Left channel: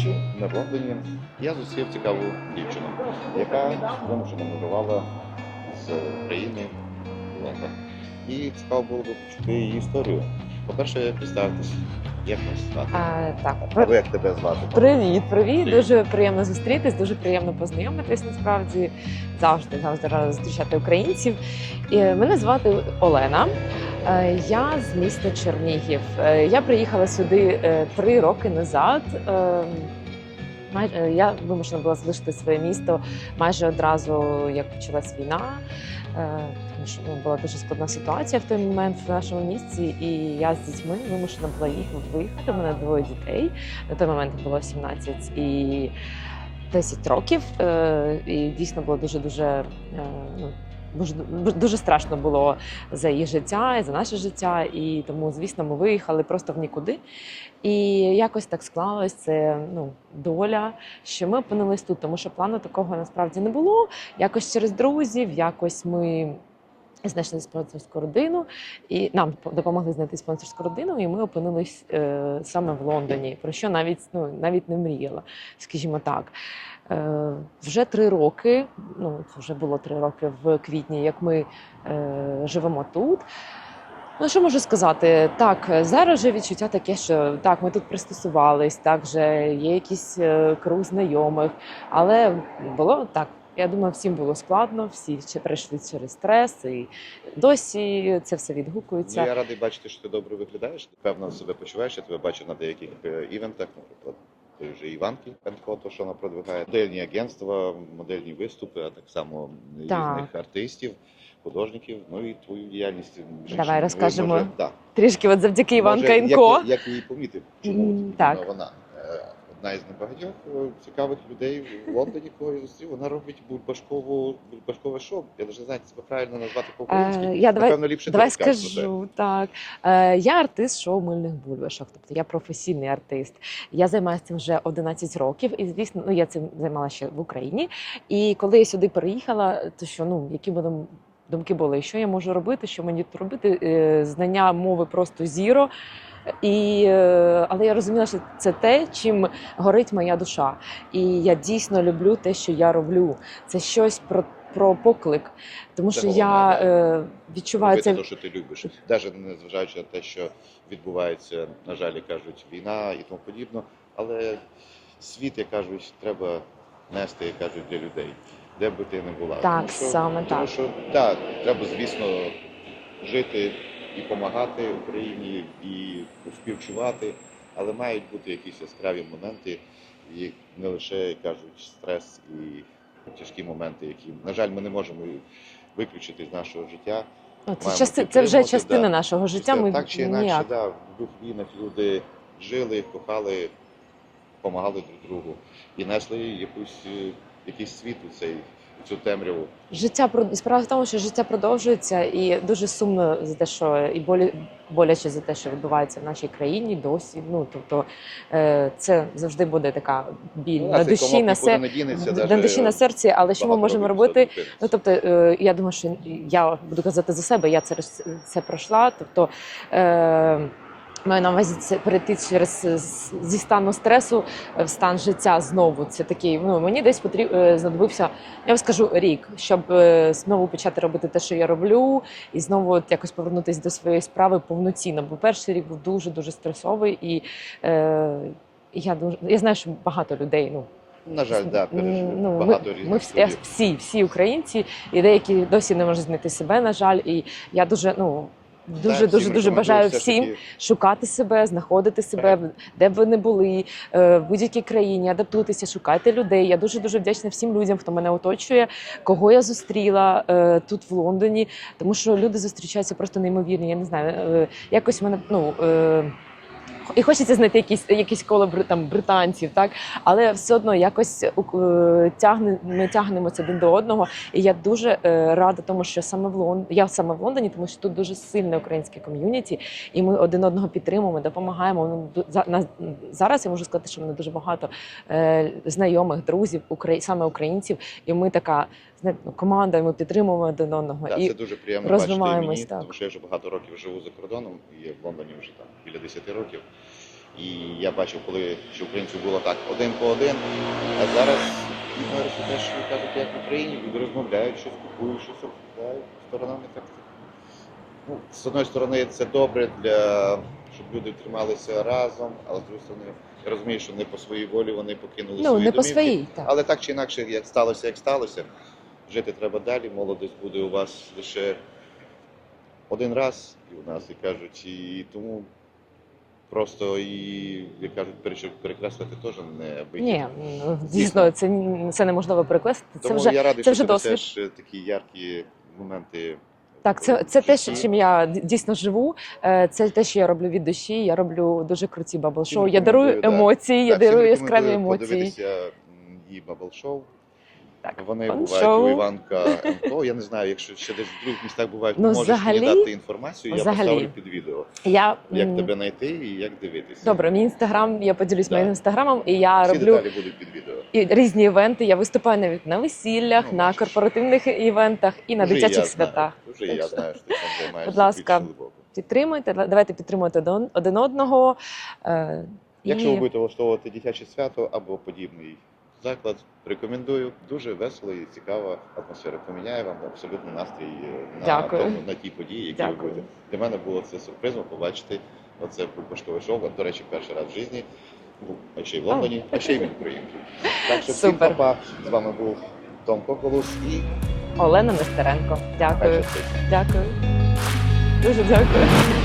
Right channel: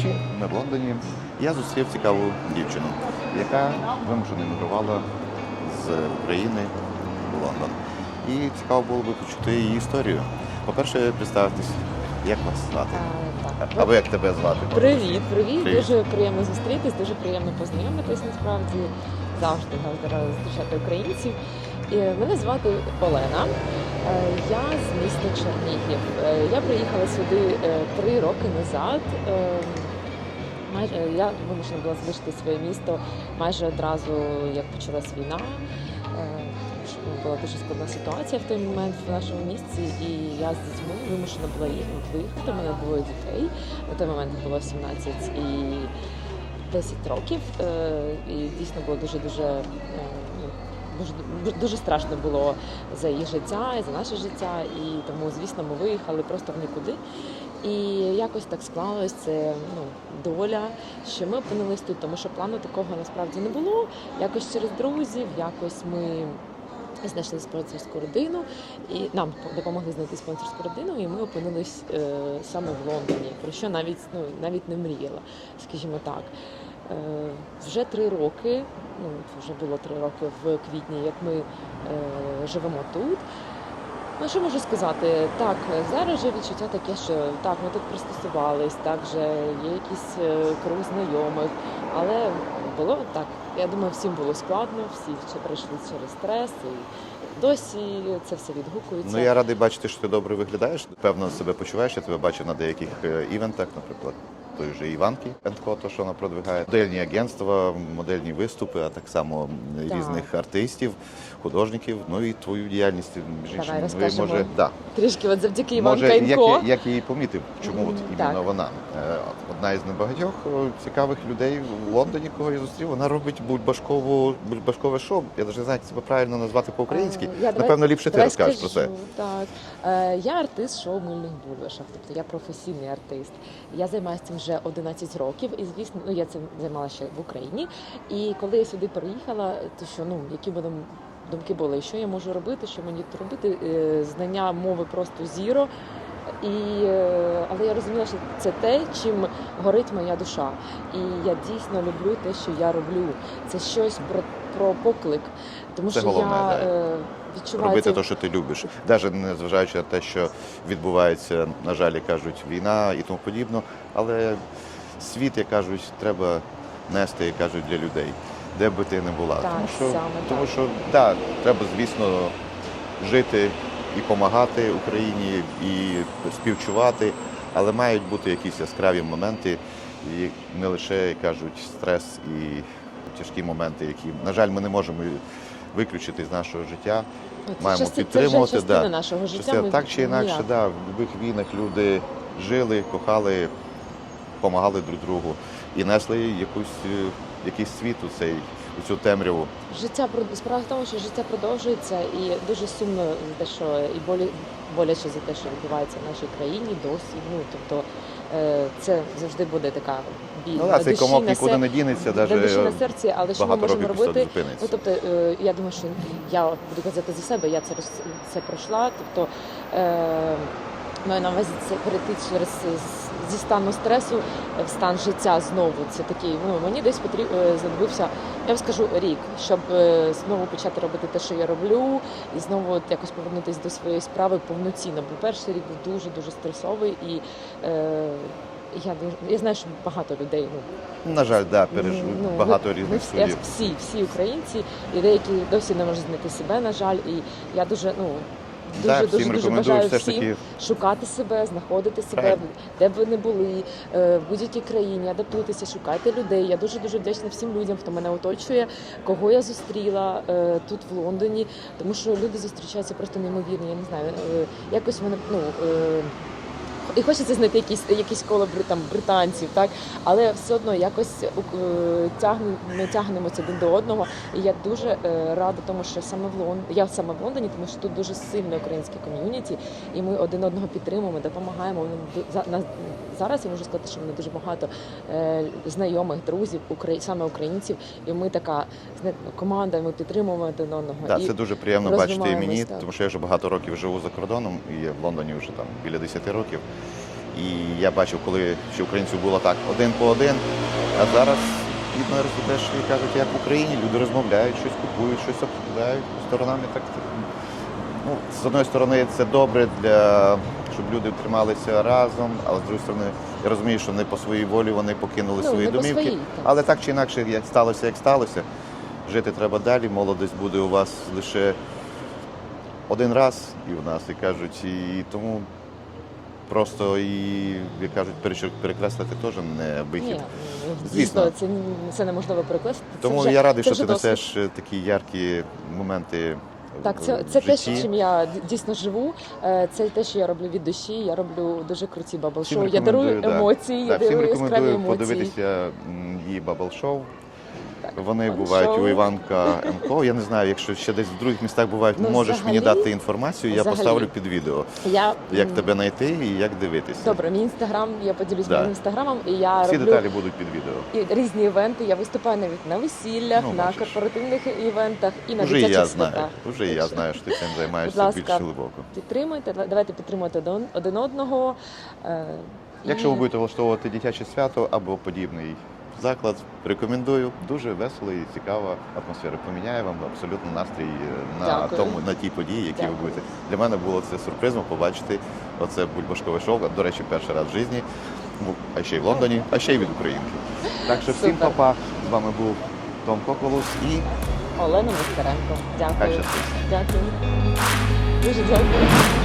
Вдвічі в Лондоні я зустрів цікаву дівчину, яка вимушено мігрувала з України в Лондон. І цікаво було би почути її історію. По-перше, представитись, як вас звати? А, так, Або як тебе звати? привіт, привіт. Привіт. Дуже приємно зустрітись, дуже приємно познайомитись. Насправді завжди завжди рада зустрічати українців. І мене звати Олена. Е, Я з міста Чернігів. Е, Я приїхала сюди е, три роки назад. Майже я вимушена була залишити своє місто майже одразу, як почалась війна. Е, ну, була дуже складна ситуація в той момент в нашому місці, і я з дітьми вимушена була їх виїхати. У мене двоє дітей. На той момент було 17 і 10 років. Е, І дійсно було дуже дуже. Дуже, страшно було за її життя і за наше життя, і тому, звісно, ми виїхали просто в нікуди. І якось так склалось це ну, доля, що ми опинились тут, тому що плану такого насправді не було. Якось через друзів, якось ми знайшли спонсорську родину, і нам допомогли знайти спонсорську родину, і ми опинились е, саме в Лондоні, про що навіть ну навіть не мріяла, скажімо так. Е, вже три роки, ну вже було три роки в квітні, як ми е, живемо тут. Ну, що можу сказати? Так, зараз вже відчуття таке, що так, ми тут пристосувались, так вже є якийсь е, круг знайомих, але було так. Я думаю, всім було складно, всі ще пройшли через стрес, і досі це все відгукується. Ну я радий бачити, що ти добре виглядаєш. Певно себе почуваєш. Я тебе бачив на деяких е, івентах, наприклад. Той же Іванки Пентко, то що вона продвигає модельні агентства, модельні виступи, а так само Так. різних артистів, художників. Ну і твою діяльність між Давай. Розкажемо. може, да. Трішки от завдяки Іванка Може, як, як я її помітив, чому Мгм, от іменно так. вона Е, одна із небагатьох е, цікавих людей в Лондоні, кого я зустрів. Вона робить бульбашкову бульбашкове шоу. Я навіть не знаю, як це правильно назвати по-українськи. Е, я давай- Напевно, ліпше ти Давай розкажеш скажу, про це. так. Е, я артист шоу мильних бульбашок, тобто я професійний артист. Я займаюся цим вже 11 років, і звісно, ну я цим займалася ще в Україні. І коли я сюди переїхала, то що ну які мене думки були, що я можу робити, що мені тут робити? Е, знання мови просто зіро. І, е, але я розуміла, що це те, чим горить моя душа. І я дійсно люблю те, що я роблю. Це щось про, про поклик, тому Це що головне, я да. Відчуваю Робити те, що ти любиш, навіть не зважаючи на те, що відбувається, на жаль, кажуть, війна і тому подібно. Але світ, як кажуть, треба нести, як кажуть, для людей, де би ти не була. Так, тому що, саме тому так. що да, треба, звісно, жити і допомагати Україні, і співчувати, але мають бути якісь яскраві моменти, і не лише як кажуть стрес і тяжкі моменти, які, на жаль, ми не можемо виключити з нашого життя. Ну, Це, маємо части, це вже частина да. нашого життя. Частина- Ми так чи інакше, ніяк. да, в будь-яких війнах люди жили, кохали, допомагали друг другу і несли якусь, е, якийсь світ у цей у цю темряву. Життя справа в тому, що життя продовжується, і дуже сумно за те, що і болі, боляче за те, що відбувається в нашій країні досі. Ну тобто е, це завжди буде така біль Ну, на душі комок на нікуди не дінеться, на душі на серці. Але що ми можемо робити? Ну тобто, е, я думаю, що я буду казати за себе, я через це пройшла. Тобто е, маю на увазі це перейти через е, зі стану стресу в стан життя знову. Це такий. Ну мені десь потрібно знадобився, я вам скажу рік, щоб е, знову почати робити те, що я роблю, і знову от якось повернутися до своєї справи повноцінно. Бо перший рік був дуже дуже стресовий і. Е, я я знаю, що багато людей ну На жаль, да, пережив Ну, багато ми, різних ми всі, судів. всі, всі українці, і деякі досі не можуть знайти себе, на жаль. І я дуже, ну дуже, дуже, дуже бажаю все всім таки шукати себе, знаходити себе, де б ви не були, е, в будь-якій країні, адаптуйтеся, шукайте людей. Я дуже дуже вдячна всім людям, хто мене оточує, кого я зустріла е, тут в Лондоні, тому що люди зустрічаються просто неймовірні. Я не знаю, е, якось мене ну. І хочеться знайти якісь якісь коло там британців, так але все одно якось е, тягне ми тягнемося один до одного. І я дуже е, рада тому, що саме в Лон... я саме в Лондоні, тому що тут дуже сильне українське ком'юніті, і ми один одного підтримуємо, допомагаємо. Ну, на зараз я можу сказати, що мене дуже багато е, знайомих, друзів, саме українців, і ми така знаєте, команда. і Ми підтримуємо один одного. Так, і це дуже приємно бачити і мені, так. тому що я вже багато років живу за кордоном і в Лондоні вже там біля 10 років. І я бачив, коли ще українців було так один по один, а зараз відно теж кажуть, як в Україні, люди розмовляють, щось купують, щось обсуждають сторонами так. Ну, з одної сторони, це добре для щоб люди трималися разом, але з іншої сторони, я розумію, що не по своїй волі вони покинули Ну, свої не по домівки. своїй, так. Але так чи інакше, як сталося, як сталося, жити треба далі. Молодість буде у вас лише один раз і у нас, і кажуть, і тому просто і як кажуть, перекреслити теж не вихід. Ні, Звісно. це, це неможливо перекреслити. Це Тому вже я радий, це що ти несеш такі яркі моменти. Так, це, це те, житті. чим я дійсно живу. Е, Це те, що я роблю від душі. Я роблю дуже круті бабл-шоу. Я дарую емоції, я Так, всім дарую яскраві емоції. Подивитися її бабл шоу. Так, Вони бувають шоу. у Іванка МКО. Я не знаю, якщо ще десь в других містах бувають, Ну, можеш мені дати інформацію, я взагалі. поставлю під відео, Я як тебе знайти і як дивитися. добре, мій інстаграм. Я поділюсь Да. моїм інстаграмом, і я Всі роблю деталі будуть під відео. і різні івенти. Я виступаю навіть на весіллях, Ну, на бачиш. корпоративних івентах і на Вже дитячих я святах. знаю, вже я Так що знаю, що ти цим займаєшся Будь ласка. більш глибоко. Підтримуйте, давайте підтримуйте один- одного. е, Якщо ви будете влаштовувати дитяче свято або подібний заклад, рекомендую. Дуже весела і цікава атмосфера. Поміняє вам абсолютно настрій на Дякую. тому на тій події, які Дякую. ви будете. Для мене було це сюрпризом побачити оце бульбашкове шоу. До речі, перший раз в житті. Ну, а ще й в Лондоні, а ще й від Українки. Так що всім Супер. папа. З вами був Том Коколус і Олена Нестеренко. хай Дякую. щастить. Дякую. Дуже дякую.